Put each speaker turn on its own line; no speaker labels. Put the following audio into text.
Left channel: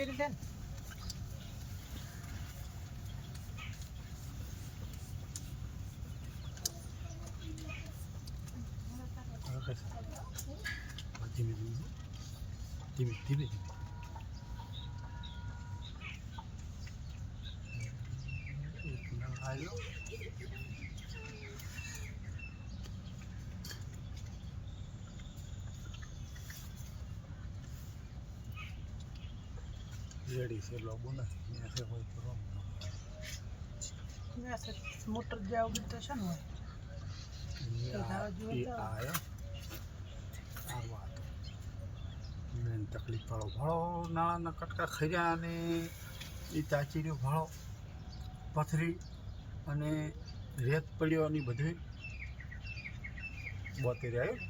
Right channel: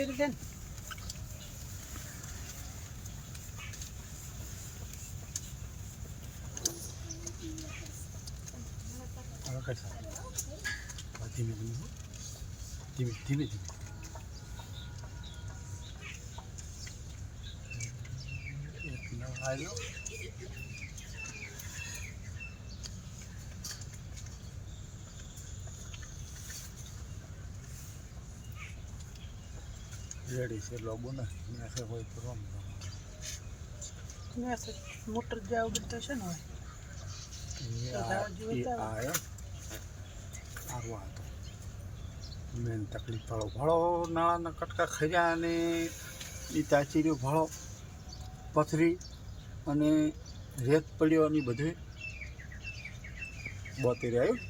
Geriden. Arkadaşlar. Değil mi bunu? Değil mi? Değil mi? Değil mi? Hayır yok. Ready છે લોબો ને મેસે હોય
તો રોમ. Motor જેવું બધું છે ને હોય.
મેન તકલીફ ભાળો ભાળો નાળાના કટકા ખર્યા અને એ તાચીર્યો ભાળો પથરી અને રેત પડ્યો અને બધું બોતેર આવ્યું.